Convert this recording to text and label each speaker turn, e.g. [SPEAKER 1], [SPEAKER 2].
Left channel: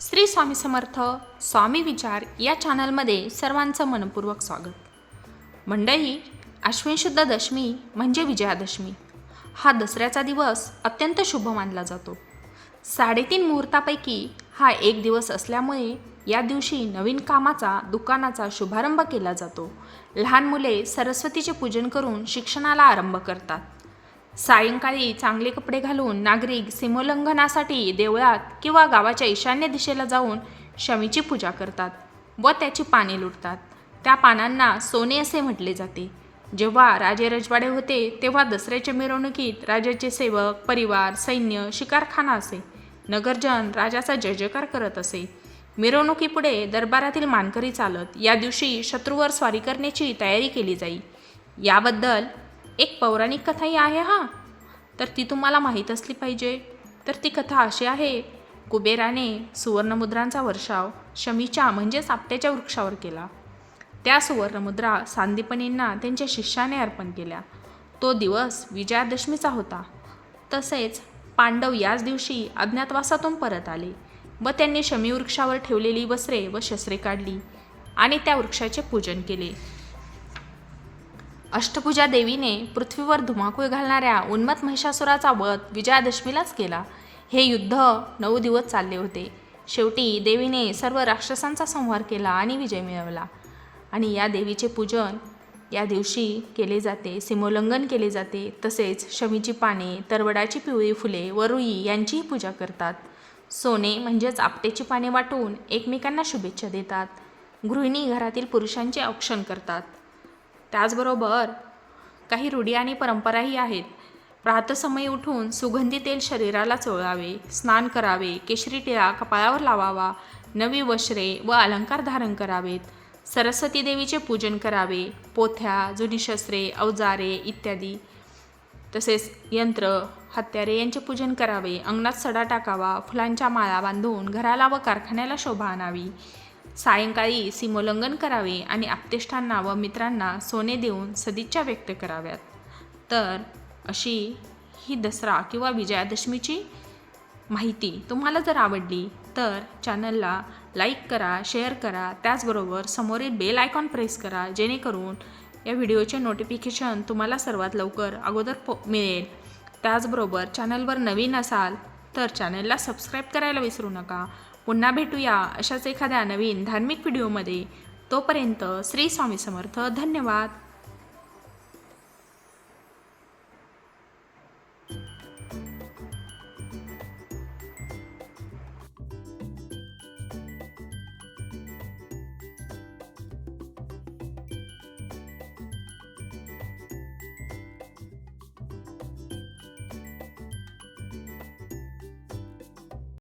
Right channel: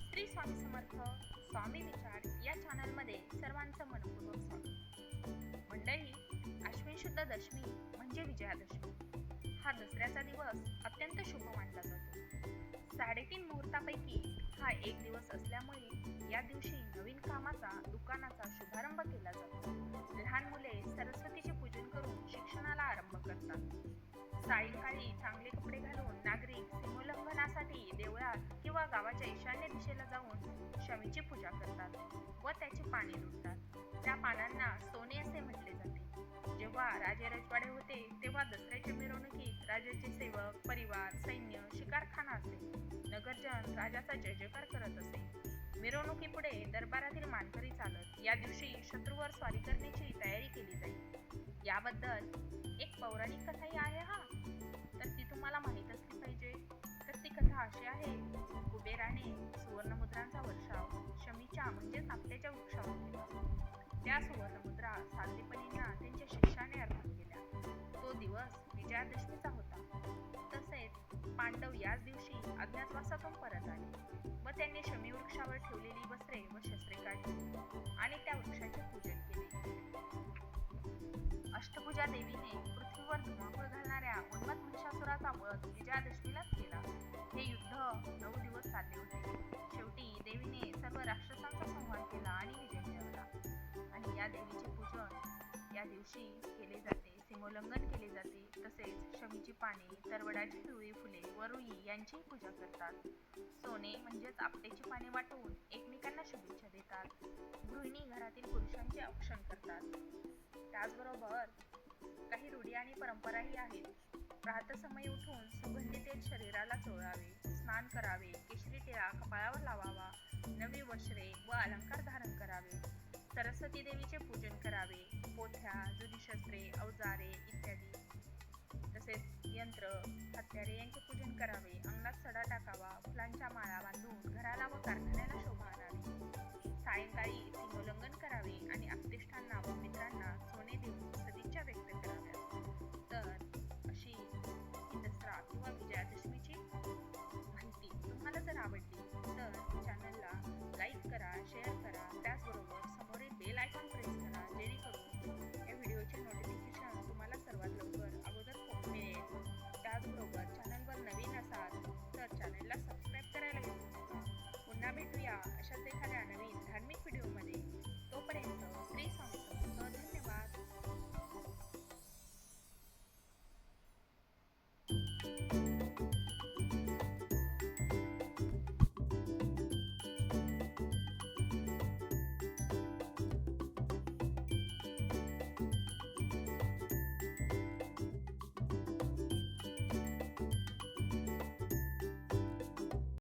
[SPEAKER 1] श्री स्वामी समर्थ स्वामी विचार या चॅनलमध्ये सर्वांचं मनपूर्वक स्वागत. मंडळी अश्विन शुद्ध दशमी म्हणजे विजयादशमी. हा दसऱ्याचा दिवस अत्यंत शुभ मानला जातो. साडेतीन मुहूर्तापैकी हा एक दिवस असल्यामुळे या दिवशी नवीन कामाचा दुकानाचा शुभारंभ केला जातो. लहान मुले सरस्वतीचे पूजन करून शिक्षणाला आरंभ करतात. सायंकाळी चांगले कपडे घालून नागरिक सीमोल्लंघनासाठी देवळात किंवा गावाच्या ईशान्य दिशेला जाऊन शमीची पूजा करतात व त्याची पाने लुटतात. त्या पानांना सोने असे म्हटले जाते. जेव्हा राजे रजवाडे होते तेव्हा दसऱ्याच्या मिरवणुकीत राजाचे सेवक परिवार सैन्य शिकारखाना असे. नगरजन राजाचा जय जयकार करत असे. मिरवणुकीपुढे दरबारातील मानकरी चालत या दिवशी शत्रूवर स्वारी करण्याची तयारी केली जाई. याबद्दल एक पौराणिक कथाही आहे हा. तर ती तुम्हाला माहीत असली पाहिजे. तर ती कथा अशी आहे. कुबेराने सुवर्णमुद्रांचा वर्षाव शमीच्या म्हणजेच आपट्याच्या वृक्षावर केला. त्या सुवर्णमुद्रा सांदीपनींना त्यांच्या शिष्याने अर्पण केल्या. तो दिवस विजयादशमीचा होता. तसेच पांडव याच दिवशी अज्ञातवासातून परत आले व त्यांनी शमी वृक्षावर ठेवलेली वस्त्रे व शस्त्रे काढली आणि त्या वृक्षाचे पूजन केले. अष्टभुजा देवीने पृथ्वीवर धुमाकूळ घालणाऱ्या उन्मत महिषासुराचा वध विजयादशमीलाच केला. हे युद्ध नऊ दिवस चालले होते. शेवटी देवीने सर्व राक्षसांचा संहार केला आणि विजय मिळवला. आणि या देवीचे पूजन या दिवशी केले जाते. सीमोल्लंघन केले जाते. तसेच शमीची पाने तरवडाची पिवळी फुले व रुई यांचीही पूजा करतात. सोने म्हणजेच आपटेची पाने वाटून एकमेकांना शुभेच्छा देतात. गृहिणी घरातील पुरुषांचे औक्षण करतात. त्याचबरोबर काही रूढी आणि परंपराही आहेत. प्रातसमयी उठून सुगंधी तेल शरीराला चोळावे स्नान करावे केशरी टिळा कपाळावर लावावा नवी वस्त्रे व अलंकार धारण करावेत. सरस्वती देवीचे पूजन करावे पोथ्या जुनी शस्त्रे अवजारे इत्यादी. तसेच यंत्र हत्यारे यांचे पूजन करावे अंगणात सडा टाकावा फुलांच्या माळा बांधून घराला व कारखान्याला शोभा आणावी. सायंकाळी सीमोल्लंघन करावे आणि आप्तेष्टांना व मित्रांना सोने देऊन सदिच्छा व्यक्त कराव्यात. तर अशी ही दसरा किंवा विजयादशमीची माहिती तुम्हाला जर आवडली तर चॅनलला लाईक करा शेअर करा. त्याचबरोबर समोरील बेल आयकॉन प्रेस करा जेणेकरून या व्हिडिओचे नोटिफिकेशन तुम्हाला सर्वात लवकर अगोदर पो मिळेल. त्याचबरोबर चॅनलवर नवीन असाल तर चॅनलला सबस्क्राईब करायला विसरू नका. पुन्हा भेटूया अशाच एखाद्या नवीन धार्मिक व्हिडिओमध्ये तोपर्यंत श्री स्वामी समर्थ. धन्यवाद.